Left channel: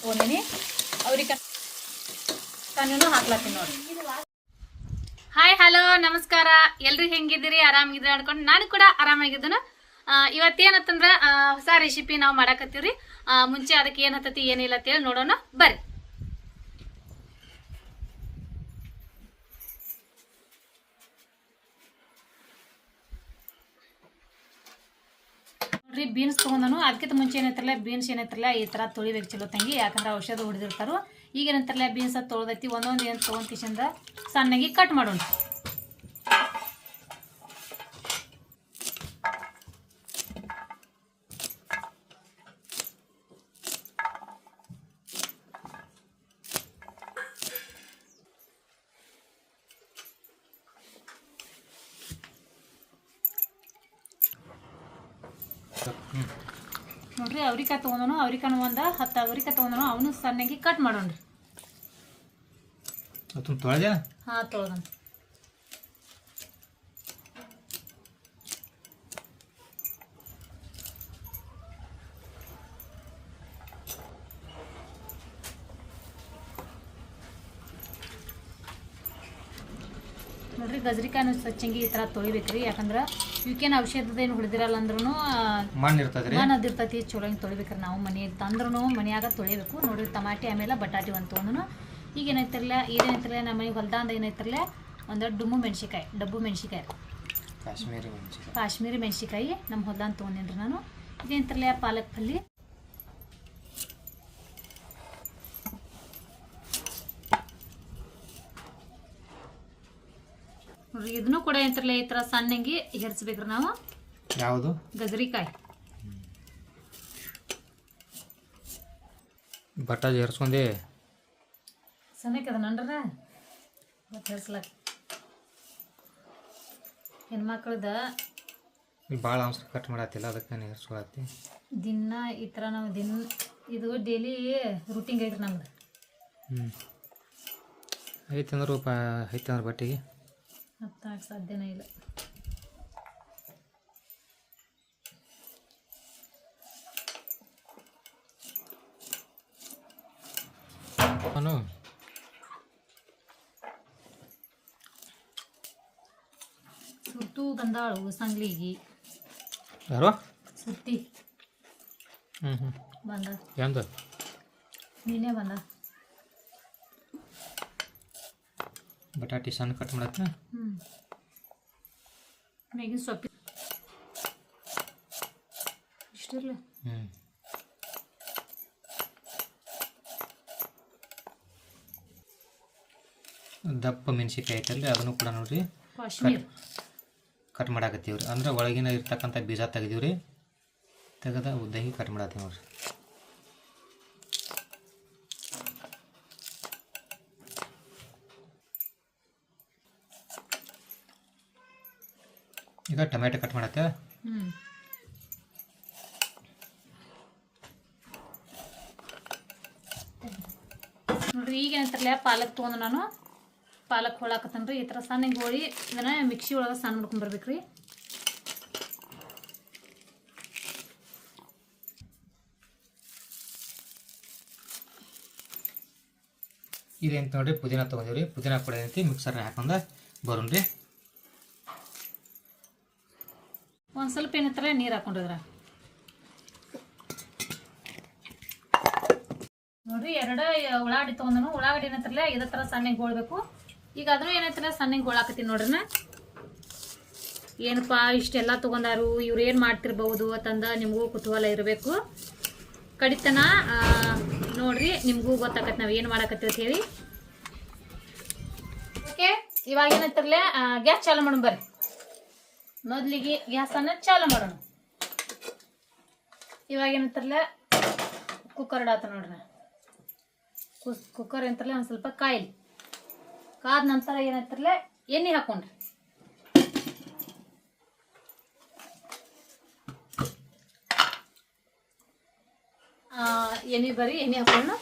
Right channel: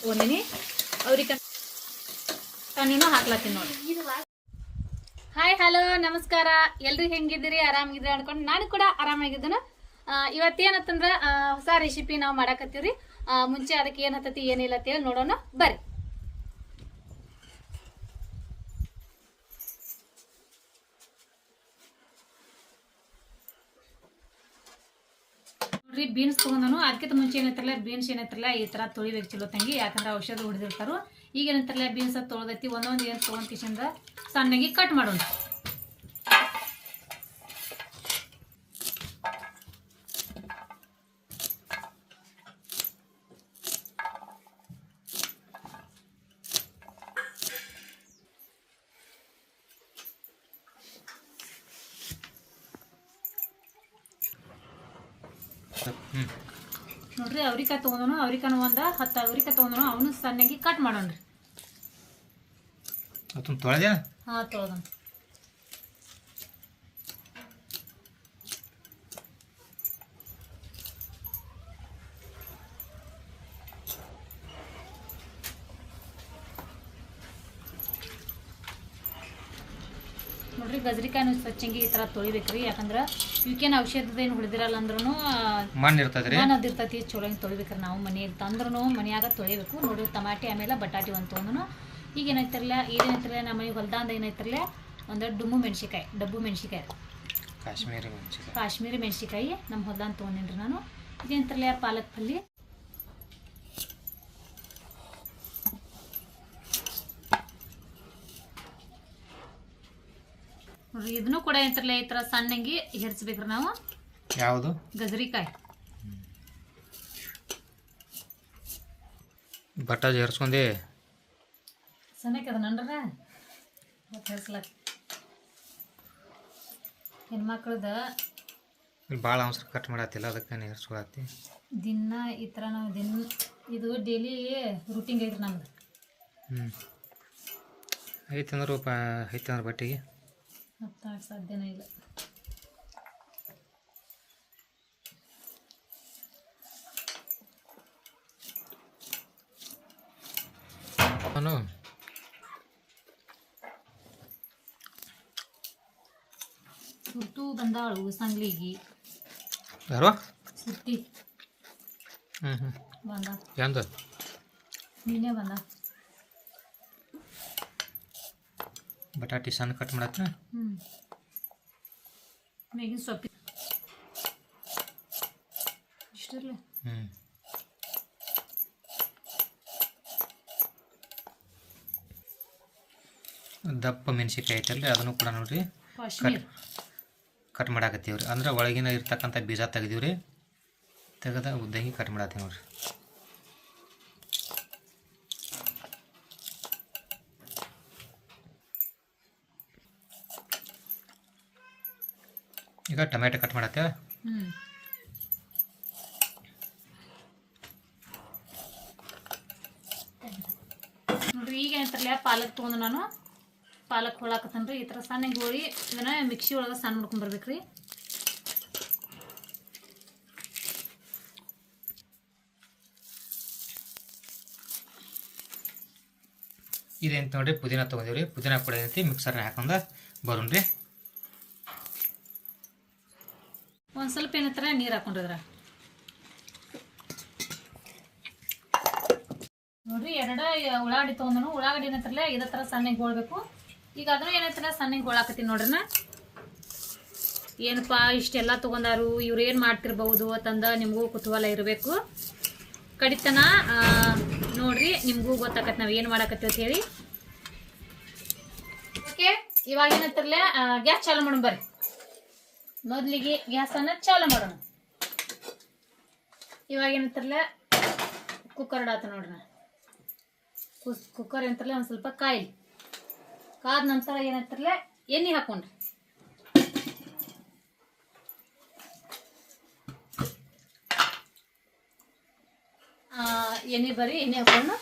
ತೊಗೊಂಡಿನಿ ಅವ್ರಿಗೆ ನಾನು ಹಾಕ್ಲತ್ತೀನಿ ನೋಡಿ. ಹಾಯ್ ಹಲೋ ನಮಸ್ಕಾರ. ಎಲ್ರು ಹೆಂಗಿದ್ದೀರಿ? ಆರಾಮಾಗಿದ್ದೀರಿ ಅನ್ಕೊಂಡು ನಾನು ಕೂಡ ಆರಾಮಾಗಿದ್ದನು. ಇವತ್ತೇನತ್ತಂದ್ರ ಹೊಸ ರೆಸಿಪಿ ನಾವು ಮಾಡಾಕತ್ತೀವ್ರಿ. ಮುಂಚೆ ಅದಕ್ಕೆ ಏನು ಹತ್ತತಿ, ಏನಿಲ್ಲ ಅಂತೇಳಿ ನೋಡೋಣ. ಬರ್ರಿ. ನೋಡ್ರಿ ಬೀನ್ಸ್ ತೊಗೊಂಡನು. ಅದಕ್ಕಿಂತ ಮುಂಚೆ ಏನೈತ್ರಲ್ಲ, ಬೀನ್ಸ್ ಏನೈತ್ರಲ್ಲ, ಈ ಥರ ತೊಳಿಬೇಕು ಚಲೋ ತಂಗಿ, ಯಾಕಂದ್ರೆ ಔಷಧ ಹೊಡೆದಿರ್ತಾರೋ. ಈಗ ಏನಂತಾರಲ್ಲ, ಬೀನ್ಸ್ ತೊಳ್ದೈತಿ, ಒಂದೊಂದು ಏನು ತೊಗೊಂತಿಸಿಂದ ಸಣ್ಣಗೆ ಕಟ್ ಮಾಡೋಣ ನೋಡ್ರಿ ಅವ್ರಿಕಾಯಿ ತೊಗೊಂಡನು ಅವ್ರಿಕಾನು ಒಂದ ಹತ್ತು ಅವ್ರಿಕಾಯಿ ತೊಗೊಂಡನು ಅವನು ಸಣ್ಣಗೆ ಕಟ್ ಮಾಡೋಣ್ರಿ. ಅದನ್ನ ತೊಳೆದೆ ಹಾಂ ತೊಳ್ದನು. ನೋಡ್ರಿ ಗಜ್ರಿಕಾಯಿನೂ ಸ್ವಚ್ಛಂಗಿ ಈ ಥರ ತೊಳಿಬೇಕ್ರಿ ಯಾಕಂದ್ರೆ ಇವಕ್ಕೇನು ಔಷಧದ ಏನು ಹೊಡೆದಿರಲ್ಲ ಅಂದ್ರೂ ಮಣ್ಣು ಇರ್ತದೆ ನಾನು ಅದಿರ್ತೈತಿ ಚಲೋ ಹಿಂಗೆ ತೊಳಿಬೇಕ್ರಿ ನಾವು ಮನೆಯಲ್ಲಿ ತಂದ್ರೂ ಮನೆಯಾಗ ತೊಳಿಬೇಕು. ನೋಡಿರಿ ಟಮಾಟಿ ಆಮೇಲೆ ಬಟಾಟಿ ಒಂದು ತೊಗೊಂಡು ಈಗ ಏನೈತಿರಲ್ಲ ಇದೇನೈತಿರಲ್ಲ ನಮ್ಮ ಮನೆಗೆ ಹೊಲ್ದಾಂದ ಏನೈತಿರಲ್ಲ ಒಂದು ಡುಮ್ಮು ಮೆಣಸಿಕಾಯಿ ಡಬ್ಬು ಮೆಣಸಿಕಾಯಿ ಕಾಶ್ಮೀರಿ ಮೆಣಸಿಕಾಯಿ ಕಾಶ್ಮೀರಿ ಮೆಣಸಿಕಾಯಿ ನಮ್ಮ ಹೊಲ್ದಾಂದ ತೊಗೊಂಡಿನ್ರಿ ನಾನು. ಇದೇನಿರಲ್ಲ ಪಾಲಕ್ ಪಲ್ಯ. ಇದನ್ನು ಕೂಡ ಏನಂತಿರಲ್ಲ ಈ ಥರ ಸಣ್ಣಂಗಿ ಹೆರ್ಸ್ಬೇಕ್ರಿ ನಾವು. ಯಾವುದು? ಗಜರಿಕಾಯಿ. ಬಟಾಜ್ ಹರ್ಸ್ಕೊಂಡೆ. ಸಣ್ಣಕ್ಕೆ ಅದ ನನ್ರ ಮತ್ತೆ ಹೆರ್ಸ್ಲಕ್ ಹೆಣ್ಮಕ್ಳದ ಇಲ್ಲಿ ಭಾಳ ಅಂಶ ಕಟ್ ಮಾಡತ್ತಿಲ್ಲ ಅದಕ್ಕೆ ನಾನು ಹರ್ಸ್ಕೊಳತ್ತಿ. ದಿನ ಈ ಥರ ನಾವು ದಿನ ಇದು ಡೈಲಿ ರೂಟಿಂಗ್ ಐತ್ರಿ ನಮ್ದು. ಹ್ಞೂ ಐತಂದ್ರೆ ಐತಂದ್ರೆ ಬಟ್ಟೆಗೆ. ಹತ್ತಾಗ ಸಾಧ್ಯನೇ ಇಲ್ಲ. ನಾನು ಸುಟ್ಟು ಬಂದಾಳು ಸಂಗ್ಲಿಗೆ ಯಾರು? ಸುಟ್ಟಿ. ಹ್ಞೂ ಹ್ಞೂ ಬಂದ. ಎಂದು? ನೀನೇ ಬಂದ. ಬಟಾಟಿ ಸಣ್ಣ ಕಟ್ ಮಾಡತ್ತ ಹ್ಞೂ ಮೇಗಿನ ಸೊಪ್ಪಿ. ಇಷ್ಟಿರ್ಲಿ. ಹ್ಞೂ ದಪ್ಪ ಮೆಣಸಿಕಾಯಿ ಐತಲ್ರಿ ಅದನ್ನು ಕೂಡ ನೋಡ್ರಿ. ಕಾಶ್ಮೀರ್. ಕಟ್ ಮಾಡಾಕತ್ತೀವಿ ರೀ ಅಂದ್ರೆ ಒಳಗಿನ ಇರ್ತಕ್ಕಂಥ ಬೀಜ ತೆಗ್ದೀವಿ ರೀ ತೆಗೆದ ಉದ್ದಂಗಿ ಕಟ್ ಮಾಡತ್ತೀವಿ ನೋಡ್ರಿ. ಈಗ ಟೊಮೆಟೊ ಕಟ್ ಮಾಡತ್ತೆ. ಹ್ಞೂ ನೋಡ್ರಿ ಈಗ ಏನಂತಾರಲ್ಲ ಪಾಲಕ್ ತೊಗೊಂಡು ನಾನು. ಪಾಲಕ್ ಹೋಳಾಕತ್ತನ್ರಿ ಈ ಥರ ಸಣ್ಣ ಗೋಳಿ ಇದನ್ನ ಮಿಕ್ಸಿ ಒಳಗೆ ಸಣ್ಣ ಮಾಡ್ಕೊಂಡ್ ಬರ್ಬೇಕ್ರಿ. ಇದೇಂತ ನೋಡ್ರಿ ಪುದೀನ ತೊಗೊಂಡಿವ್ರಿ. ಪುದೀನ ಕೂಡ ಏನೈತಿ ಮಿಕ್ಸರ್ನ ಹಾಕೊಂಡು ಬರೋಣ ರೀ ಒಂದು ಸ್ವಲ್ಪ ಏನತ್ತರ ನೀರು ಹಾಕೊಂಡಿದ್ರ ನೋಡ್ರಿ, ಎರಡ ಉಳ್ಳಾಗಡ್ಡಿ ತೊಗೊಂಡನು. ಉಳ್ಳಾಗಡ್ಡಿ ಏನಂತಾರಲ್ಲ ಇದೇ ಥರ ಸಣ್ಣಗೆ ಗೋಳ್ಬೇಕು. ಈಗ ಅದನ್ನು ಏನತ್ರ ಸಣ್ಣಗೆ ಹೋಳಾಕತ್ತೀನಿ ನೋಡ್ರಿನ. ಏನಪ್ಪ, ಇಷ್ಟೆಲ್ಲ ತೊಗೊಂಡಾರು, ಇವ್ರು ಏನು ಮಾಡ್ತಿರ್ಬೋದು ಅಂತಂದ ನಿಮಗೂ ಕುತೂಹಲ ಇರಬೇಕು. ಕಡಿತನ ನೋಡ್ರಿ, ನಿಮಗೂ ಗೊತ್ತಾಕತ್ ನಾವು ಏನು ಮಾಡಾಕತ್ತೀವಿ ಹೇಳಿ. ಓಕೆ ಇವಾಗ ಏನಂತಾರಲ್ಲ ಗ್ಯಾಸ್ ಚಾಲು ಮಾಡೋಣ ಬರ್ರಿ. ಮೊದಲಿಗೆ ಗ್ಯಾಸನ್ನು ಚಾಲು ಮಾಡೋಣ. ಇವಾಗ ಏನಂತಾರಲ್ಲ ಕುಕ್ಕರ್ ಇಡಾತ ನೋಡ್ರಿ. ಕುಸ್ ಕುಕ್ಕರ್ ಏನಂತಾರಲ್ಲ, ಒಂದು ಸ್ವಲ್ಪ ಕಾಯಿಲಿ. ಕಾದ ನಂತರ ಏನಂತಾರಲ್ಲ, ಎಣ್ಣೆ ಹಾಕೊಂಡ್ರಿ. ಎಣ್ಣೆ ಬರೀ ಎಣ್ಣೆ ಹಾಕೊಂಡು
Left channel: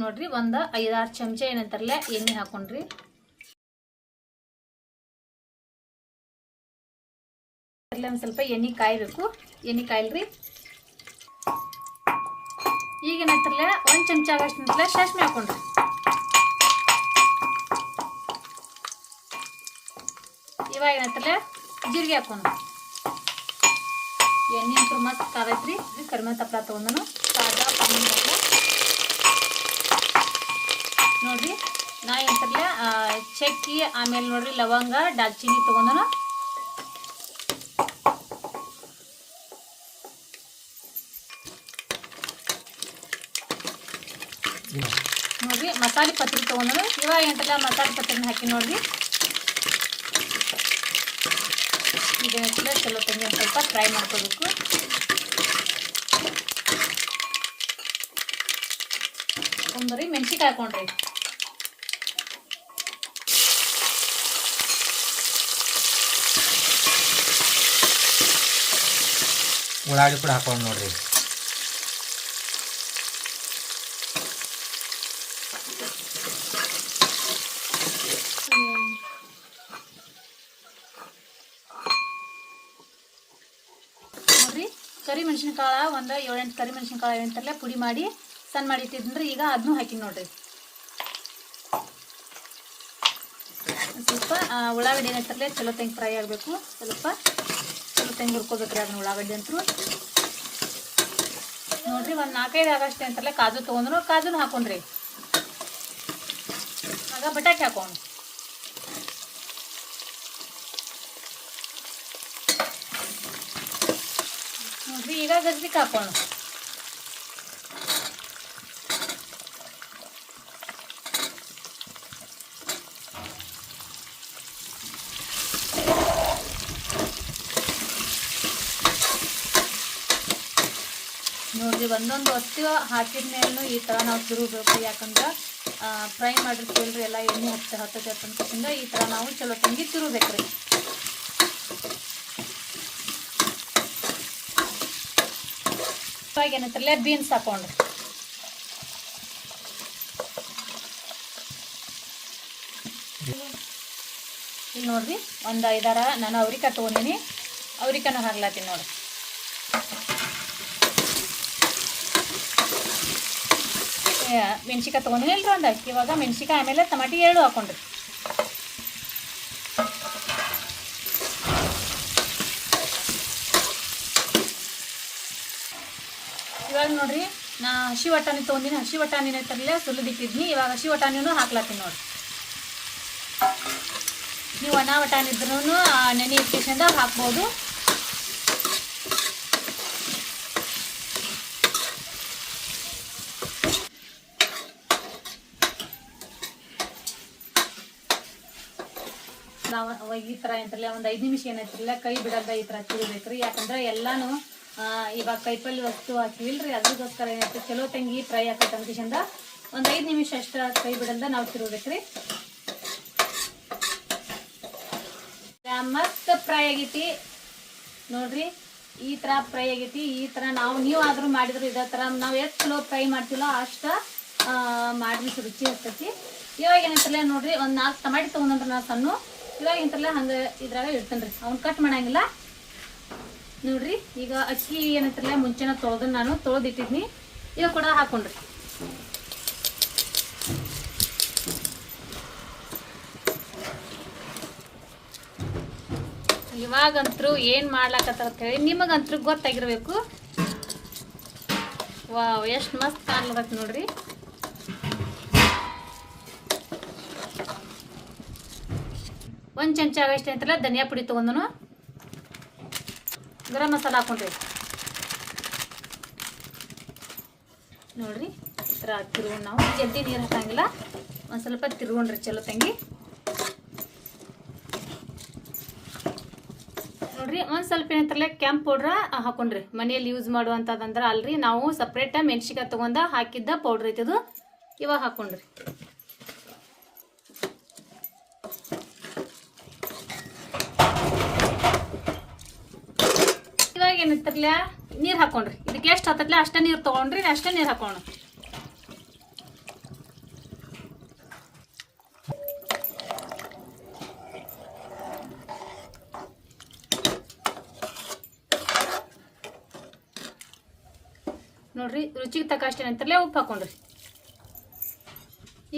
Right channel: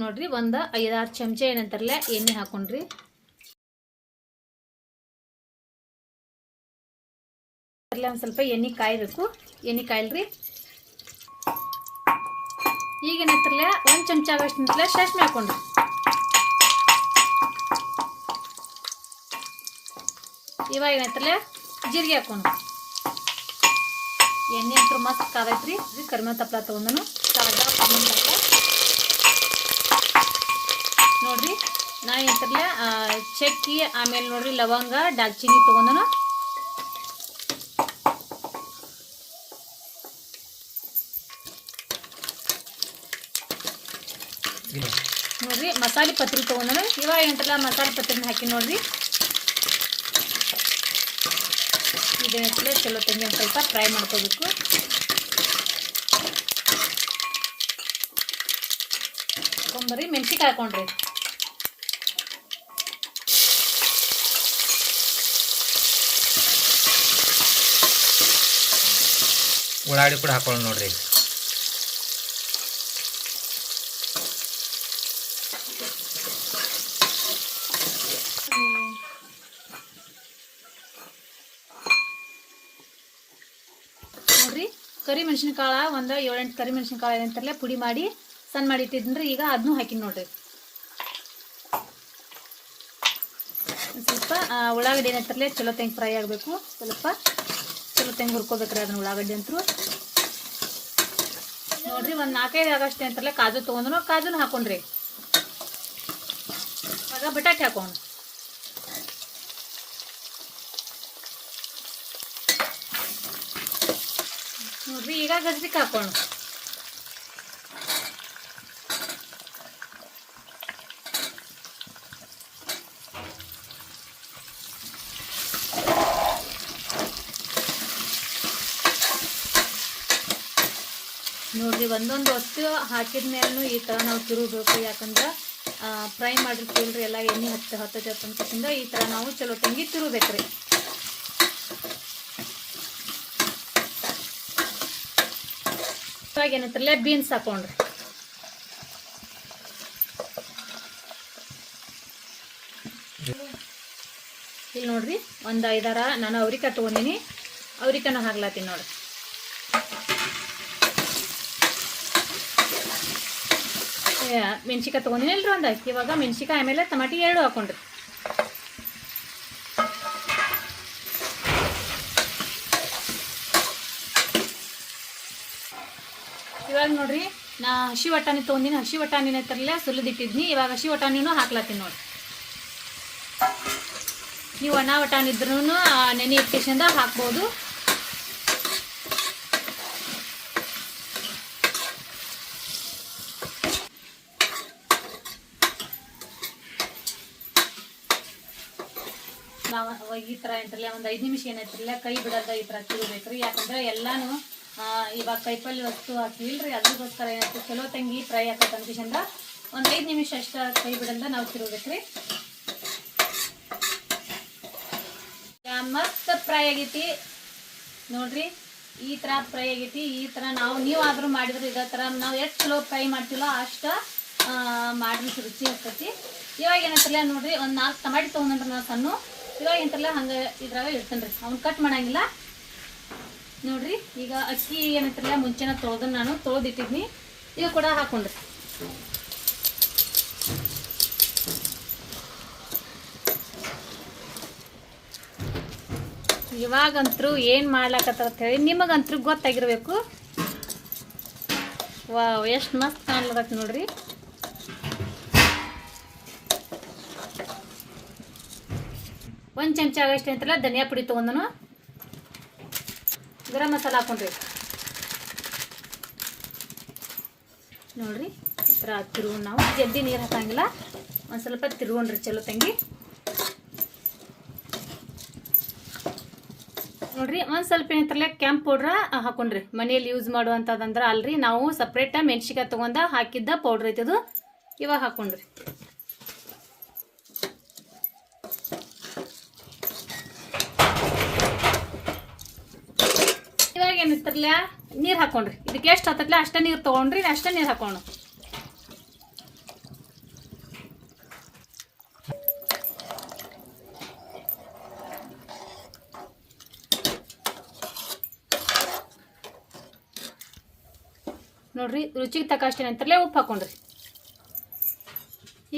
ನೋಡ್ರಿ, ಒಂದು ಐದಾರು ಚಮಚ ಏನಂತಾರಲ್ಲ, ಎಣ್ಣೆ ಹಾಕೊಂಡ್ರಿ. ಒಂದು ಸ್ವಲ್ಪ ಎಣ್ಣೆ ಕಾಯಬೇಕು. ಎಣ್ಣೆ ಕಾಯಿಲ್ರಿ. ಈಗ ಏನೈತ್ರಲ್ಲ ಒಂದು ಚಮಚ ಆಗೋಷ್ಟು ನಿಂತಲ್ಲ ಸಾಸ್ಮೆ ಹಾಕೊಂಡ್ರಿ. ಇವಾಗ ಏನೈತ್ರಲ್ಲ ಜೀರಿಗೆ ಹಾಕೊಂಡು ಎಣ್ಣೆ ಅಂತ ಮಸ್ತ್ ಕಾದೈತ್ರಿ ಕರಿಮೆ ತಪ್ಪಲ ತೊಗೊಂಡು. ನೋಡ್ರಿ, ನಾ ಎಂತರ್ಲೆ ಚಕ್ಕಿ, ಆಮೇಲೆ ನೋಡ್ರಿ, ಲವಂಗ, ದಾಲ್ಚಿನ್ನಿ ತೊಗೊಂಡನು. ನೋಡ್ರಿ ಮಸಾಲೆ ಪತ್ರಿ ತೊಗೊಂಡು ಇವಾಗ ಎಂಟಲ ಮಸಾಲೆ ಪತ್ರಿನ ಹಾಕಿ ನೋಡ್ರಿ. ಇದೆಲ್ಲ ಚಲೋ ತಂಗಿ ಒಂದು ಸ್ವಲ್ಪ ಫ್ರೈ ಮಾಡ್ಕೋಬೇಕು. ಒಂಬರಿ ಮೆಣಸಿಗೆ ಹಾಕೊಂಡ್ರಿ. ಉಳ್ಳಾಗಡ್ಡಿ ಕೂಡ ಹಾಕೊಂಡು ನೋಡ್ರಿ ಕರಿ ಮೆಣಸಿನ್ಕಾಳ ಒಂದು ಏಳೆಂಟು ಕರಿ ಮೆಣಸಿನ್ಕಾಳು ಏನಂತಾರಲ್ಲ ಪುಡಿ ಮಾಡಿ ಸಣ್ಣ ಮಾಡಿ ಇಟ್ಟಿದ್ರಿ ಈಗ ಅದನ್ನೂ ಹಾಕಿನಿ ನೋಡ್ರಿ. ಸ್ವಲ್ಪ ಉಳ್ಳಾಗಡ್ಡಿ ಏನಂತಾರಲ್ಲ ಚಲೋ ತೆಂಗ್ ಫ್ರೈ ಆಗಬೇಕು. ಸ್ವಲ್ಪ ಚಲೋ ತೆಂಗ್ ಹುರ್ಕೋಬೇಕ್ರಿ ಅದನ್ನ ಉಳ್ಳಾಗಡ್ಡಿ ಅಂತೂ. ನೋಡ್ರಿ, ಒಂದು ನಾಲ್ಕೈದು ಆಗಷ್ಟೇ ಅಂತಾರಲ್ಲ ಕಾಜು ತೊಗೊಂಡ್ರು, ಕಾಜುನು ಹಾಕೊಂಡ್ರಿ. ಆಗ ಬಟಾಟೆ ಹಾಕೊಂಡು ನೋಡ್ರಿ ಈಗ ಗಜ್ರಿಕ್ ಹಾಕೋಣ ನೋಡ್ರಿ ಒಂದೊಂದು ವಸ್ತು ಹಾಕಿದ ಮೇಲೂ ಈ ಥರ ನಾವು ತಿರುಗಬೇಕು ಯಾಕಂದ್ರೆ ಫ್ರೈ ಮಾಡಿರ್ತೀವಿ ಎಲ್ಲ ಎಣ್ಣೆ ಹೋಗ್ತಾ ಹತ್ತದ ಈ ಥರ ನಾವು ಚಲೋ ತಂಗಿ ತಿರುಗಬೇಕ್ರಿ ಇವಾಗ ಏನಂತಾರಲ್ಲ ಬೀನ್ಸ್ ಹಾಕೊಂಡ್ರಿ. ಇಲ್ಲಿ ನೋಡ್ರಿ, ಒಂದು ಐದಾರ, ನಾನು ಅವ್ರಿಕಾಯಿ ತೊಗೊಂಡಿನಿ. ಅವ್ರಿಕನ ಹಾಕ್ಲಾತೀನಿ ನೋಡಿ ಮೆಣ್ಸಿಕಾಯಿ ತೊಗೊಂಡಿನಿ ಇಲ್ರಿ ಒಂದು, ಇವಾಗ ಮೆಣ್ಸಿಕಾಯಿ ಆಮೇಲೆ ಟಮಾಟಿ ಎರಡು ಹಾಕೊಂಡ್ರಿ. ಇವಾಗ ನೋಡ್ರಿ, ನಾ ಹಸಿ ವಟಾಣಿ ತೊಗೊಂಡಿನಿ. ಹಸಿ ವಟಾಣಿನ ಐತರಲ್ಲೇ ಸುಲಿದಿಟ್ಟಿದ್ನಿ. ಇವಾಗ ಹಸಿ ವಟಾಣಿನೂ ಹಾಕ್ಲಾತೀನಿ ನೋಡ್ರಿ. ನೀವು ಒಣ ವಟಾಣಿ ಇದ್ರೂ ನೆನೆ ಇಟ್ಟಿಸಿಂದ ಹಾಕ್ಬೋದು. ನಾವು ಈ ಥರ ಏನಂತಾರಲ್ಲ ಒಂದು ಐದು ನಿಮಿಷ ಏನೈತ್ರಲ್ಲ ಕೈ ಬಿಡಲ್ದ ಈ ಥರ ತಿರುಬೇಕ್ರಿ ಯಾಕಂದ್ರೆ ಎಲ್ಲಾನು ಇವಾಗ ಕೈಪಲ್ಲಿ ವಸ್ತು ಹಾಕಿವಿಲ್ರಿ ಅದ್ರಗೋಸ್ಕರ ಏನಾಯ್ತು ಚಲೋ ತಂಗಿ ಫ್ರೈ ಹಾಕತ್ತೆ ಚಂದ ಒಂದು ಐದು ನಿಮಿಷ ಅಷ್ಟ ಕೈ ಬಿಡಂದ ನಾವು ತಿರುಗ್ಬೇಕ್ರಿ. ಮಸ್ತ್ ಫ್ರೈ ಆಗೈತಿ. ನೋಡ್ರಿ, ಈ ಥರ ಫ್ರೈ ಆಗೈತಿ, ಈ ಥರ ನಾವು, ನೀವು ಆದ್ರೂ ಮಾಡಿದ್ರು ಇದೇ ಥರ ನಾವು ಎಷ್ಟು ಚಲೋ ಫ್ರೈ ಮಾಡ್ತಿಲ್ಲ ಅಷ್ಟ ಮಾಡಿದ್ರೆ ರುಚಿ ಆಗ್ತೈತಿ. ಇವಾಗ ಏನಂತಲ್ಲ ನೋಡ್ರಿ, ಒಂದು ನಾಲ್ಕು ಟಮಾಟಿ ತೊಗೊಂಡ್ರೆ ನಾವು ಸಣ್ಣ. ಇವಾಗ ಏನಂತಲ್ಲ ಹಂಗೆ ಇದ್ರಾಗ ಇಡ್ತೇನೆ ರೀ ಅವ್ನು ಕಟ್ ಮಾಡಂಗಿಲ್ಲ. ನೋಡ್ರಿ, ಈಗ ಅಕ್ಕಿ ಏನಂತಾರಲ್ಲ, ಮುಂಚೆನೆ ತೊಳ್ದು ನಾನು, ತೊಳೆದಿಟ್ಟಿದ್ನಿ. ಈಗ ಕೂಡ ಹಾಕೊಂಡ್ರಿ. ಇವಾಗಂತೂ ಏನು ಅಂತ ಹೇಳಿ ನಿಮಗಂತೂ ಗೊತ್ತಾಗಿರ್ಬೇಕು. ವಾ ಎಷ್ಟು ಮಸ್ತ್ ಕಾಣ್ಲಬೇಕು ನೋಡ್ರಿ. ಒಂದು ಚಮಚ ಆಗಷ್ಟೇ ಅಂತಲ್ಲ ಧನಿಯಾ ಪುಡಿ ತೊಗೊಂಡನು. ಗರಂ ಮಸಾಲ ಹಾಕೊಂಡ್ರಿ. ನೋಡ್ರಿ, ಈ ಥರ ನಾವು. ಜಲ್ದಿ ನೀರು ಹಾಕಂಗಿಲ್ಲ. ಒಂದು ಸ್ವಲ್ಪ ತಿರ್ಗೊಂಡ್ರಿ ಚಲೋ ತಂಗಿ. ನೋಡ್ರಿ, ಒಂದು ಸ್ವಲ್ಪ ಏನಂತಾರಲ್ಲ ಕೆಂಪು ಪೌಡ್ರ ಹಾಕೊಂಡ್ರಿ. ಮನೆಯಲ್ಲಿ ಯೂಸ್ ಮಾಡುವಂಥದ್ದಂದ್ರೆ ಅಲ್ರಿ, ನಾವು ಸಪ್ರೇಟ ಮೆಣಸಿಕಾಯಿ ತೊಗೊಂಡ ಹಾಕಿದ್ದ ಪೌಡ್ರ್ ಐತದು ಇವಾಗ ಹಾಕೊಂಡ್ರಿ. ಏನಿತ್ತರ್ಲ ನೀರು ಹಾಕೊಂಡ್ರಿ. ಇದಕ್ಕೆ ಎಷ್ಟು ಹತ್ತತ್ಲ ಅಷ್ಟೇ ನೀರು ತೊಗೊಂಡ್ರಿ, ಅಷ್ಟೇ ನೀರು ಹಾಕೋಣ. ನೋಡ್ರಿ, ರುಚಿಗೆ ತಕ್ಕಷ್ಟೇನಂತಲೇ ಉಪ್ಪು ಹಾಕೊಂಡ್ರಿ.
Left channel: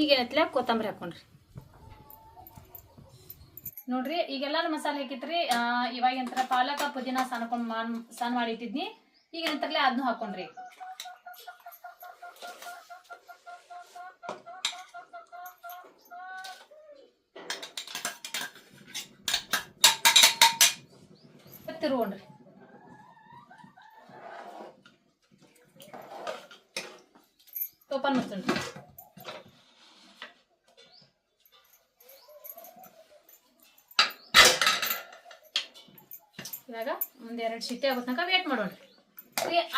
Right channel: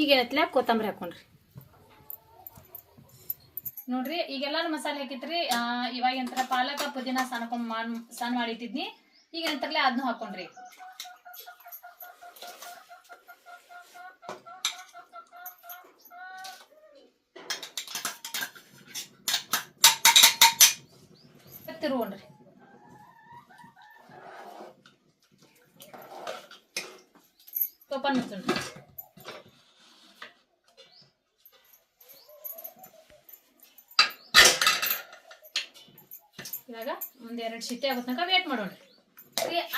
ಈಗ ಏನೈತಿಲ್ಲ ಕೊತ್ತಂಬರಿ ಹಾಕೊಂಡ್ರಿ. ನೋಡ್ರಿ ಈಗೆಲ್ಲಾನು ಮಸಾಲೆ ಹಾಕಿತ್ರಿ ಇವಾಗ ಎಂತರ ಪಾಲಕ ಪುದೀನ ಸಣ್ಕೊಂಡ್ ಮಾಡ್ ಸಣ್ಣ ಮಾಡಿಟ್ಟಿದ್ನಿ. ಈಗ ಎಂತರ್ಲೆ ಅದನ್ನು ಹಾಕೊಂಡ್ರಿ. ತಿರುಗೊಂಡ್ರಿ ಓಪನ್ ಮಾಡ್ತೀನಿ ಇವಾಗ ಎರಡು ಸಿಟಿ ಆಗೋ ತನಕ ವೇಟ್ ಮಾಡೋಣ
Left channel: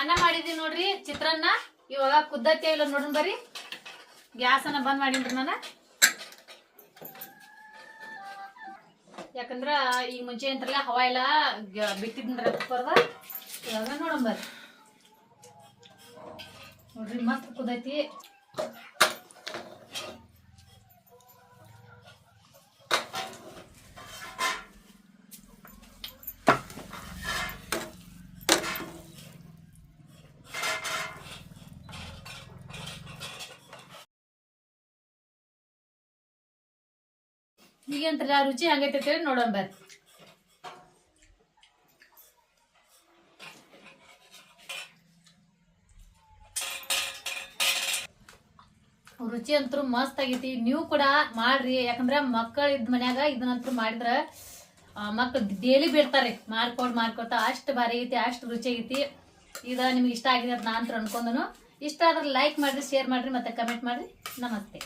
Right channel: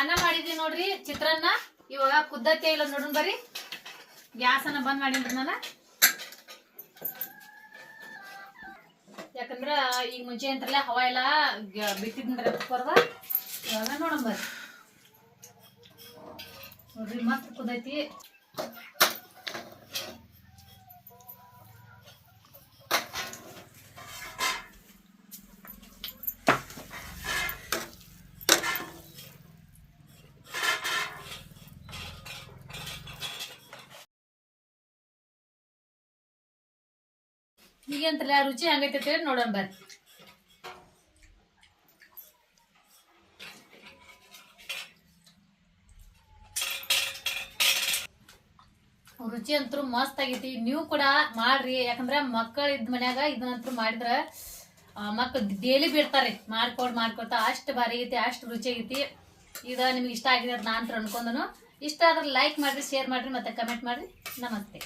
ಅನ್ನ ಮಾಡಿದೀವಿ ನೋಡ್ರಿ, ಚಿತ್ರಾನ್ನ, ಇವಾಗ ಕುದ್ದತ್ತೆ ಇಲ್ಲ ನೋಡ್ರಿ ಬರ್ರಿ. ಗ್ಯಾಸ್ ಅನ್ನ ಬಂದ್ ಮಾಡಿನ್ರಿ ನಾನು. ಯಾಕಂದ್ರ ಈಗ ಮುಂಚೆ ಅಂತಾರಲ್ಲ, ಹವಾ ಎಲ್ಲ ಬಿಟ್ಟಿದ್ರಿ ಪರ್ವ ಇವಾಗ ನೋಡೋಣ ಬರ್ರಿ. ನೋಡ್ರಿ, ಮಸ್ತ್ ಕುದೈತಿ ಈಗ ಅಂತಾರಲ್ಲ ರುಚಿ ಹಂಗೈತೆ ಅಂತ ಹೇಳಿ ನೋಡೋಣ ಬರ್ರಿ. ರುಚಿ ಅಂತೂ ಮಸ್ತ್ ಆಗೈತಿ. ನೀವು ಕೂಡ ಮಾಡ್ರಿ. ಯಾಕಂದ್ರ ಮಕ್ಕಳ ಇದ್ ಮನ್ಯಾಗ ಇದನ್ನಂತೂ ಮಾಡಿದ್ರ ಮಕ್ಕಳು ಡೇಲಿ ಬೀಳ್ತಾರೆ. ಮಾಡ್ಕೊಡ್ ಮಾಡ್ಕೊತ ಅಷ್ಟು ಭಾರಿ ಐತಿ ಅಷ್ಟು ರುಚಿ ಆಗೈತಿ. ಇದ ನಿಮ್ಗೆ ಇಷ್ಟ ಆಗಿದೆ ಅಂತ ನಾ ಅಂತ ಅನ್ಕೊಂಡನು. ಇಷ್ಟ ಆದ್ರೆ ಲೈಕ್ ಮಾಡ್ರಿ ಶೇರ್ ಮಾಡ್ರಿ, ಮತ್ತೆ ಕಮೆಂಟ್ ಮಾಡ್ರಿ. ನಮಸ್ತೆ.